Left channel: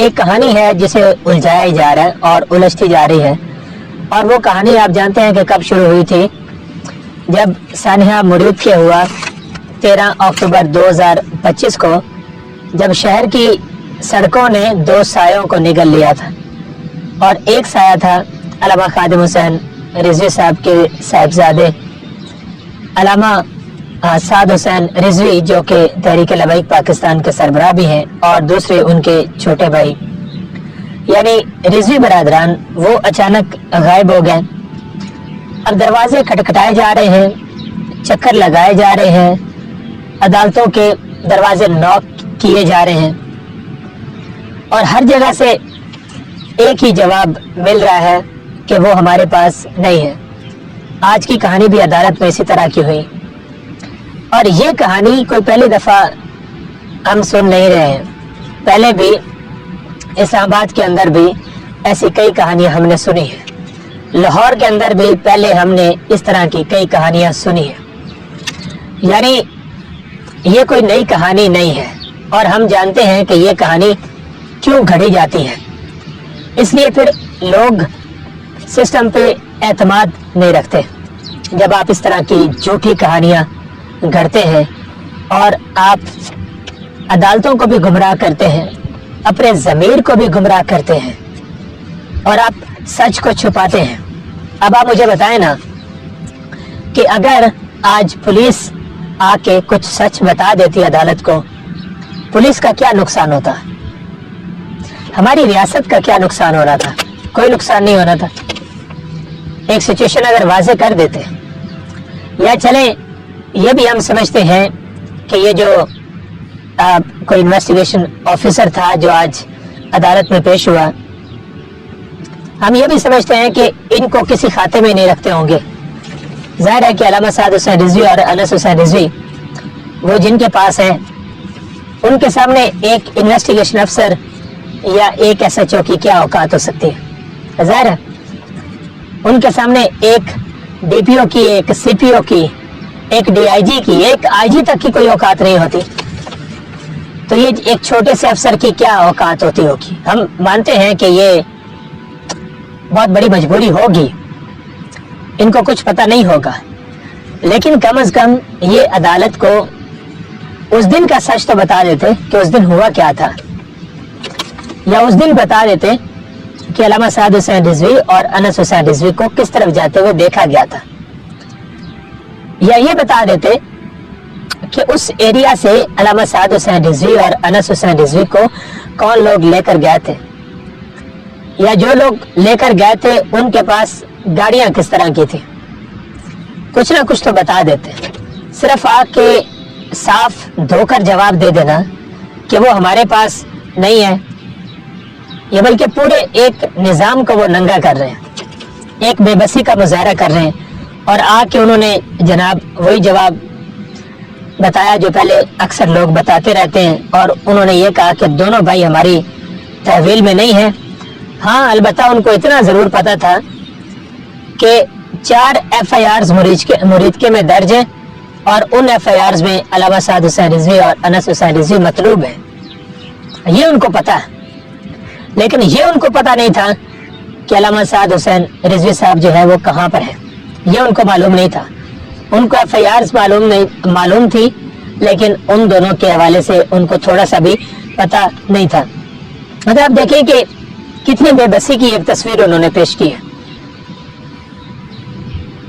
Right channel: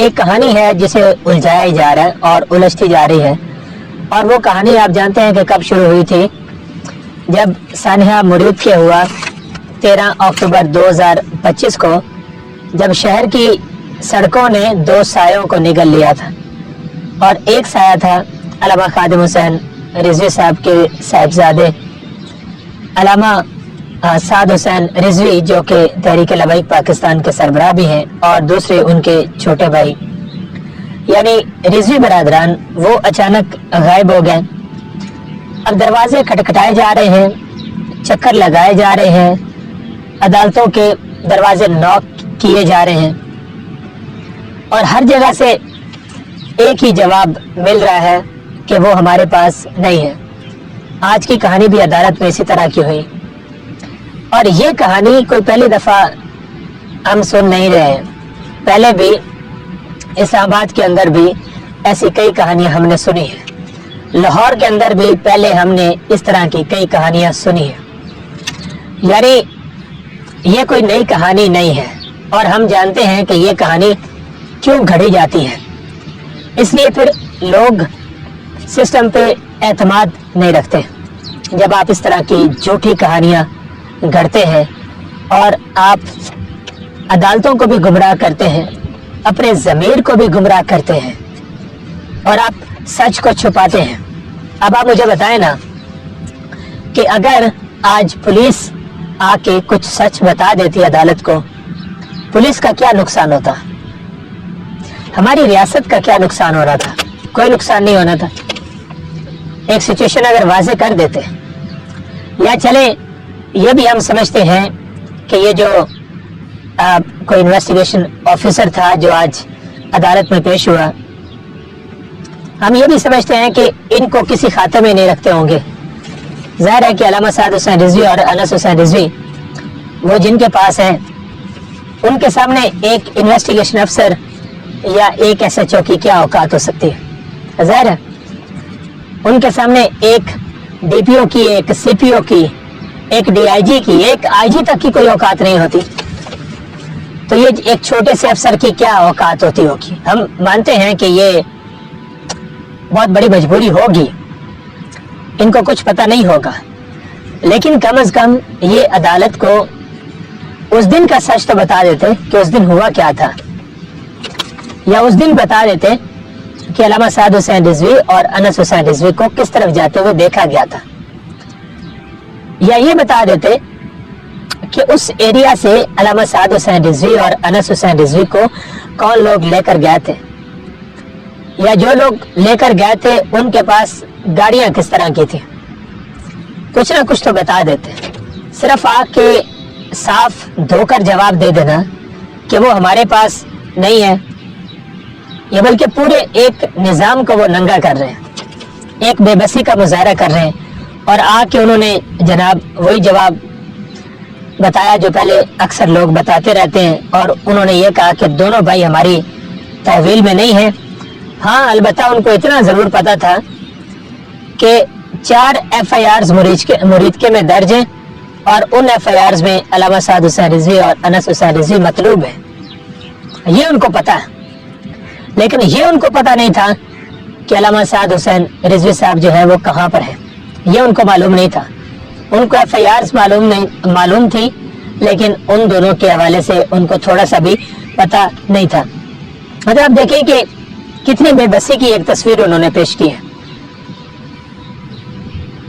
ایک کہانی ہے جسے الجھایا جا رہا ہے اور الجھتی جا رہی ہے، اور وہ کہانی آپ جانتے ہیں کہ کب شروع ہوئی تھی؟ جب سانحہ مرید کے ہوا 13 اکتوبر 2025 کو، جب شہر کی سڑکوں نے 2 سایوں کو نگل لیا تھا، اور ایک سایہ تھا علامہ خادم حسین رضوی صاحب کے صاحبزادے علامہ سعد حسین رضوی، جو کہ تحریک لبیک پاکستان کے سربراہ بھی ہیں، اور دوسرے ان کے چھوٹے بھائی یعنی رضوی برادران، وہ اچانک غائب ہو گئے۔ اب دروازے کھٹکھٹائے جا رہے ہیں، چکر لگائے جا رہے ہیں، عدالتوں کے دروازے نوک کیے جا رہے ہیں، اور ہر جگہ سے ایک ہی جواب مل رہا ہے کہ وہ ہمارے پاس نہیں ہے۔ آج کی کہانی بھی عدالت میں اسی طرح کی ہوئی، اور یہ کہانی کوئی پہلی دفعہ ہم سن نہیں رہے ہیں۔ پہلے بھی اسلام آباد کے اندر بھی ایسی کئی کہانیاں ہم نے سنی ہیں، لاہور کے اندر بھی پہلے ہم نے اس طرح کی کئی کہانیاں سنی ہیں۔ یعنی یہ کوئی نئی کہانی نہیں ہے، اور ہم جانتے ہیں کہ یہ کہانی کیوں گھڑی جاتی ہے۔ اس لیے پھر لوگ سسٹم پہ اعتماد نہیں رکھتے جب آپ اس طرح کی جھوٹی کہانیاں گھڑتے ہیں، اور آپ عدالتوں کو بھی گمراہ کرتے ہیں، اپنے ضمیر کو بھی گمراہ کرتے ہیں، اور آپ سچ کو چھپاتے ہیں۔ اب آپ مجھے بتائیں نا کہ اگر آج پولیس آ کے کچھ سچ بتا دیتی عدالت کو، پولیس کا کیا نقصان ہوتا؟ ہماری ریاست کا کیا نقصان ہو رہا تھا؟ کوئی نقصان نہیں ہونا تھا۔ ایک سچویشن اگر واضح کر دیتے، یا چلیں یہ بھی ہم سمجھتے ہیں کہ یہ جو کوئی انویسٹیگیشن آفیسر تھا جو آج عدالت میں پیش ہوا، ہم یہ بھی سمجھتے ہیں کہ ان کو کسی کھاتے میں نہیں رکھتے ہوں گے۔ ظاہر ہے کہ علامہ سعد حسین رضوی اور انس حسین رضوی وہ جن کے پاس ہیں، ان کے سامنے ایک انویسٹیگیشن افسر یا ایک SHO کی کیا اوقات ہو سکتی ہے؟ ظاہر ہے ان کے سامنے ایک DPO کی، ایک CPO کی، ایک DIG کی، ایک IG تک کی کوئی اوقات نہیں ہوتی، تو یہ ایک چھوٹے سے افسر کی کیا اوقات ہوتی ہوگی؟ ہم مانتے ہیں کہ یہ بہت بڑی مجبوری ہوگی، ان کو کچھ پتہ نہیں ہوگا، لیکن کم از کم یہ عدالت کو اس دن کا سچ تو بتا دیتے کہ اس دن ہوا کیا تھا، یا اس دن بتا دیتے کہ علامہ سعد حسین رضوی اور انس حسین رضوی کو کس طرف جاتے ہوئے دیکھا گیا تھا، یا یہ بتا دیتے کہ اس ایریا سے علامہ سعد حسین رضوی اور انس حسین رضوی کو کون لوگ لے کر گئے تھے، یا جو لوگ لے کر گئے تھے ان کے پاس گاڑیاں کس طرح کی تھی، کچھ نہ کچھ تو بتا دیتے۔ صرف آ کے صاف دھو کر جواب دے دینا کہ وہ ہمارے پاس نہیں ہے، یہ بلکہ پورے ایک نظام کو وہ ننگا کر رہے ہیں، ایک بے بسی کا مظاہرہ کر رہے ہیں، اور آ کے انہوں نے جناب وہی جواب بتایا جو پہلے اکثر لوگ بتاتے رہتے ہیں، اور انہوں نے یہ کہا کہ دونوں بھائی ہماری تحویل میں نہیں ہیں۔ ہاں، البتہ ان کو اتنا ضرور پتا تھا کہ 4 FIRs مریدکے میں درج ہیں، اور ان FIRs میں علامہ سعد حسین رضوی اور انس حسین رضوی مطلوب ہیں، یہ ان کو پتا ہے۔ لیکن یہ ان کو پتا نہیں تھا کہ علامہ سعد حسین رضوی صاحب جو ہے وہ کہاں پر ہے، یہ ان کو معلوم نہیں تھا۔ ان کو FIRs معلوم تھی، لیکن ان دونوں کے حوالے سے ان کو تھوڑا سا بھی پتا نہیں تھا۔ مطلب آپ دیکھیں کہ کتنی بے بسی کی ایک تصویر انہوں نے پیش کی ہے۔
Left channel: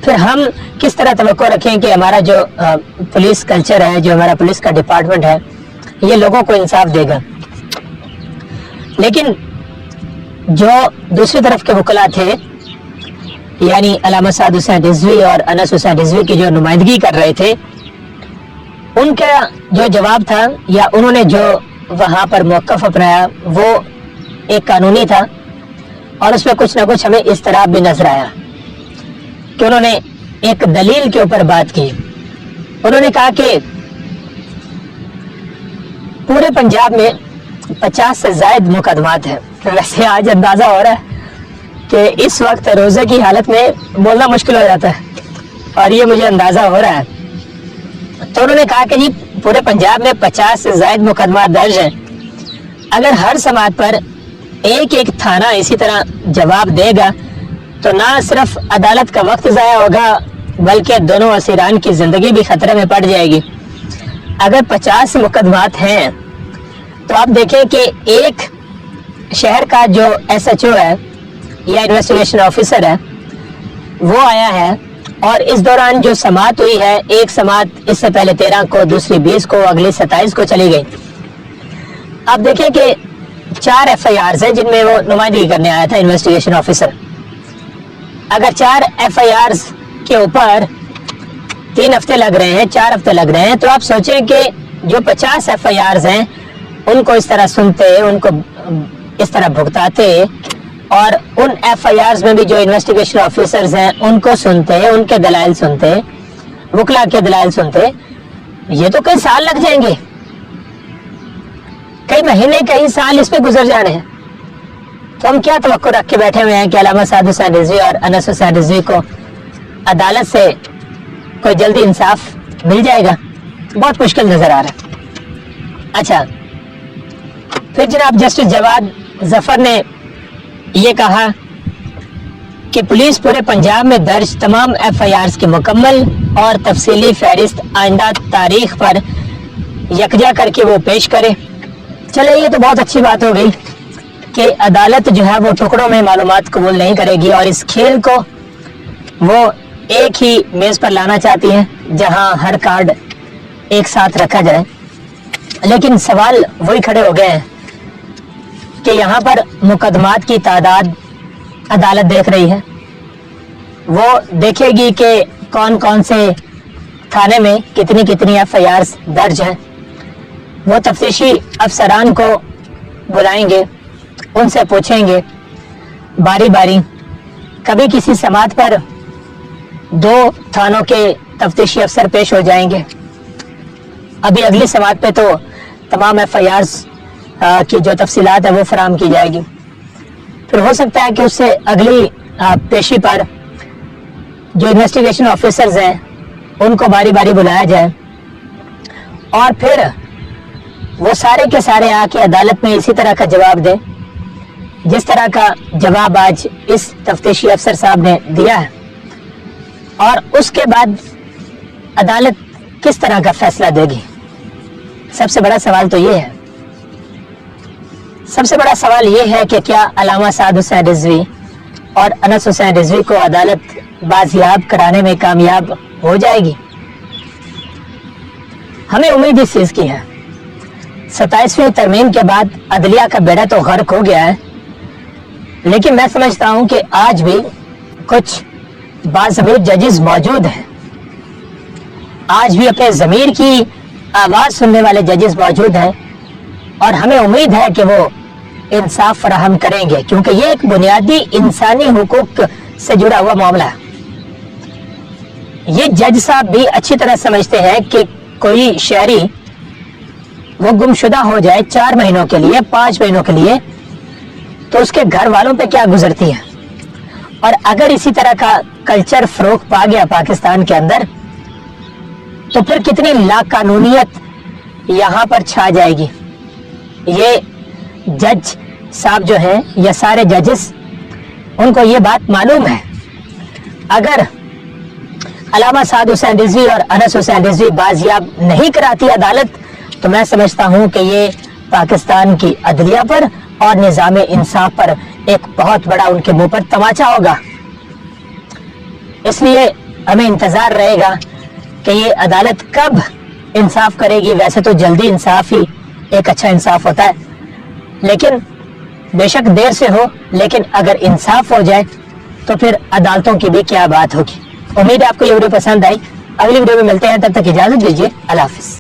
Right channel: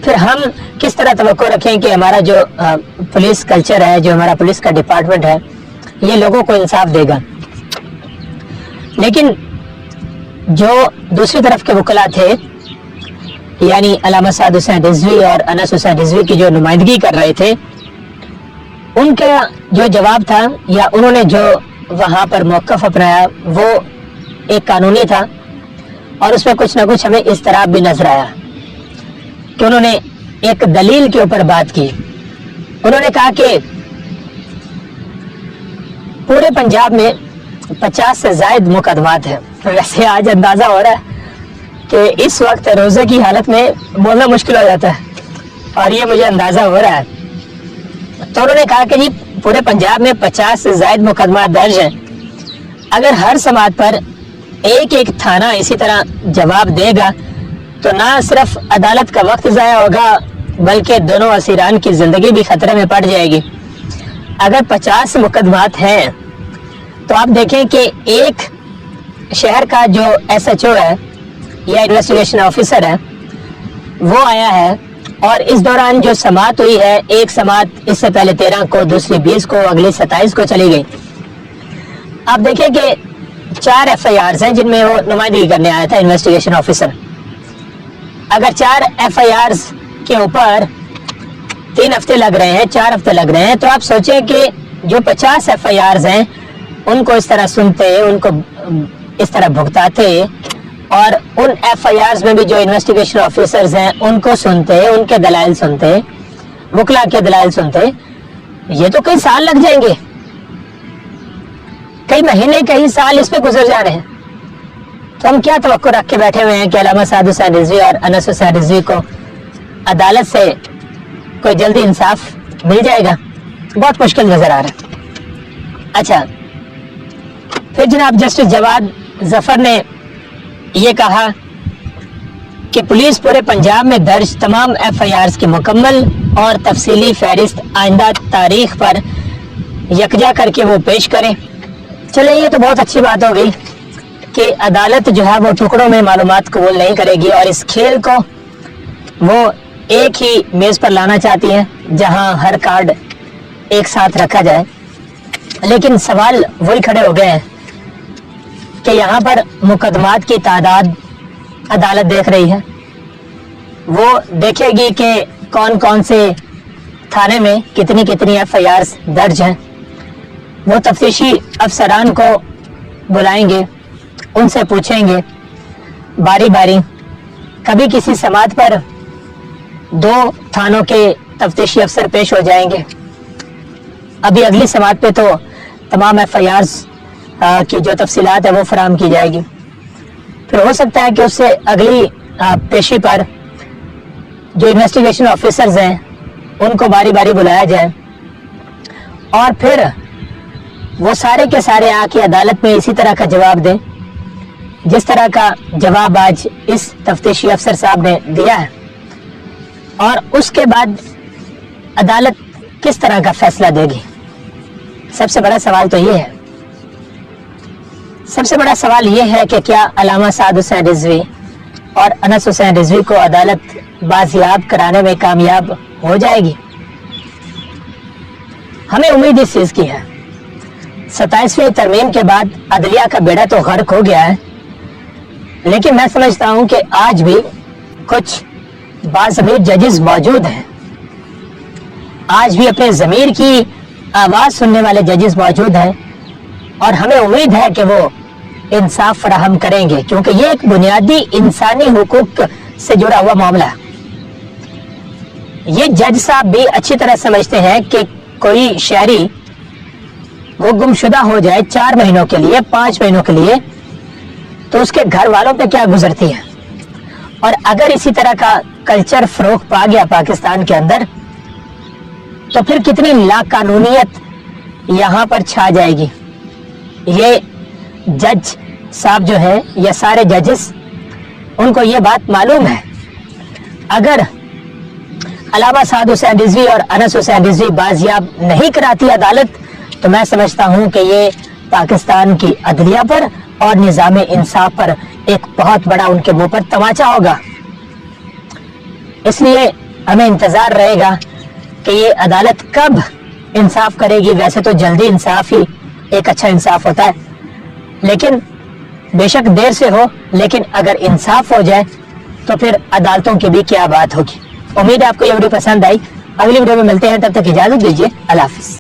پھر ہم کس طرح توقع رکھیں کہ ہمارا جو پولیس کلچر ہے، جو ہمارا پولیس کا ڈپارٹمنٹ ہے، یہ لوگوں کو انصاف دے گا؟ لیکن جو دوسری طرف کے وکلا تھے، یعنی علامہ سعد حسین رضوی اور انس حسین رضوی کی جو نمائندگی کر رہے تھے، ان کا جو جواب تھا، یا انہوں نے جو وہاں پر موقف اپنایا، وہ ایک قانونی تھا، اور اس میں کچھ نہ کچھ ہمیں اضطراب بھی نظر آیا کہ انہوں نے ایک دلیل کے اوپر بات کی۔ انہوں نے کہا کہ پورے پنجاب میں 50 سے زائد مقدمات ہیں۔ ویسے آج اندازہ ہو رہا ہے کہ اس وقت روزے کی حالت میں بولنا مشکل ہو جاتا ہے، اور یہ مجھے اندازہ ہو رہا ہے۔ تو انہوں نے کہا کہ جی پورے پنجاب میں 50 سے زائد مقدمات درج ہیں، اگر ہر سماعت پر ایک ایک تھانہ اسی طرح جواب دے گا تو نہ صرف عدالت کا وقت ضائع ہوگا بلکہ دونوں اسیران کی زندگی بھی خطرے میں پڑ جائے گی۔ اگر 50 مقدمات ہیں تو آپ دیکھیں کہ ایک شہر کا جو SHO ہے یا انویسٹیگیشن آفیسر ہے وہ آیا ہے، اور اس دوران جو سماعت ہوئی ہے، ایک سماعت اس سے پہلے 13 کو، دوسری 20 کو، اگلی 27 کو چلی گئی۔ آپ دیکھیں کہ 4 FIRs ہیں جن میں وہ نمائندگی کرنے آیا تھا انویسٹیگیشن آفیسر۔ اگر 4 FIRs کے اوپر 3 ہفتے لگ رہے ہیں، 4 ہفتے لگ رہے ہیں، تو آپ سوچیں کہ جو 50 FIRs ہیں ان کو اس طرح سنتے، ان کو اس طرح بھگتاتے، اور ان FIRs میں بھی جو انویسٹیگیشن آفیسرز ہیں ان کو سنتے، ان کے دلائل سنتے، وکلا کے دلائل سنتے، یہ تو کئی سال لگ جائیں گے، کئی مہینے، کئی سال اس پہ گزر جا رہے ہیں۔ تو ہم کیا توقع رکھ کے بیٹھے ہوئے ہیں کہ علامہ سعد حسین رضوی اور انس حسین رضوی کو عدالت سے کوئی جلدی انصاف مل جائے گا؟ بہت مشکل نظر آ رہا ہے۔ اچھا، پھر جناب جسٹس جواد ظفر نے یہ کہا کہ پولیس پورے پنجاب میں درج تمام FIRs کی مکمل اور تفصیلی فہرست آئندہ تاریخ پر یکجا کر کے وہ پیش کرے۔ چلے، یہ تو بہت اچھی بات ہو گئی کہ عدالت جو ہے وہ ٹکڑوں میں معلومات قبول نہیں کرے گی، اور اس کھیل کو وہ ایک ہی میز پر لانا چاہتی ہے جہاں ہر کارڈ ایک ساتھ رکھا جائے۔ لیکن سوال وہی کھڑے ہو گئے ہیں کہ یہاں پر مقدمات کی تعداد عدالت دیکھ رہی ہے، وہ دیکھے گی کہ کون کون سے تھانے میں کتنی کتنی FIRs درج ہیں، وہ تفتیشی افسران کو بلائیں گے، ان سے پوچھیں گے باری باری، کبھی کسی سماعت پر 2 تھانوں کے تفتیشی افسر پیش ہو جائیں گے، ابھی اگلی سماعت پہ تو تمام FIRs کی جو تفصیلات ہے وہ فراہم کی جائے گی، پھر ہو سکتا ہے کہ اس سے اگلی پیشی پر جو انویسٹیگیشن آفیسرز ہیں ان کو باری باری بلایا جائے، اور پھر وہ سارے کے سارے آ کے عدالت میں اسی طرح کا جواب دیں جس طرح کا جواب آج اس تفتیشی افسر صاحب نے دیا ہے، اور اس کے بعد عدالت کس طرح کا فیصلہ دے گی۔ سب سے بڑا سوال تو یہ ہے، سب سے بڑا سوال یہ ہے کہ کیا علامہ سعد حسین رضوی اور انس حسین رضوی کو عدالت بازیاب کرانے میں کامیاب ہو جائے گی؟ ہمیں امید اس چیز کی ہے۔ 27ویں ترمیم کے بعد عدلیہ کا بیڑا تو غرق ہو گیا ہے، لیکن میں سمجھتا ہوں کہ آج بھی کچھ باضمیر ججز موجود ہیں، آج بھی اپنے ضمیر کی آواز سننے والے ججز موجود ہیں، اور ہمیں امید ہے کہ وہ انصاف فراہم کریں گے، کیونکہ یہ ایک بنیادی انسانی حقوق سے جڑا ہوا معاملہ ہے۔ یہ جج صاحب بھی اچھی طرح سمجھتے ہیں کہ کوئی شہری وہ گمشدہ ہو جائے 4 مہینوں کے لیے، 5 مہینوں کے لیے، تو اس کے گھر والوں پہ کیا گزرتی ہے، اور اگر اسی طرح کا کلچر فروغ پا گیا پاکستان کے اندر تو پھر کتنی لاقانونیت یہاں پر چھا جائے گی۔ یہ جج صاحب جو ہے یا سارے ججز، ان کو یہ بات معلوم ہے، اگر علامہ سعد حسین رضوی اور انس حسین رضوی بازیاب نہیں کراتی عدالت تو میں سمجھتا ہوں کہ یہ پاکستان کی عدلیہ پر اور نظام انصاف پر ایک بہت بڑا ان کے منہ پر تماچا ہوگا۔ اس لیے ہمیں انتظار رہے گا کہ یہ عدالت کب انصاف کرے گی۔ ویسے تو جلدی انصاف ہی ایک اچھا انصاف ہوتا ہے، لیکن بے شک دیر سے ہو، لیکن اگر انصاف ہو جائے تو پھر عدالتوں کی بھی کیا بات ہوگی۔ امید ہے آپ کو یہ ویڈیو پسند آئی، اگلی ویڈیو میں ملتے ہیں، تب تک اجازت دیجیے، اللہ حافظ۔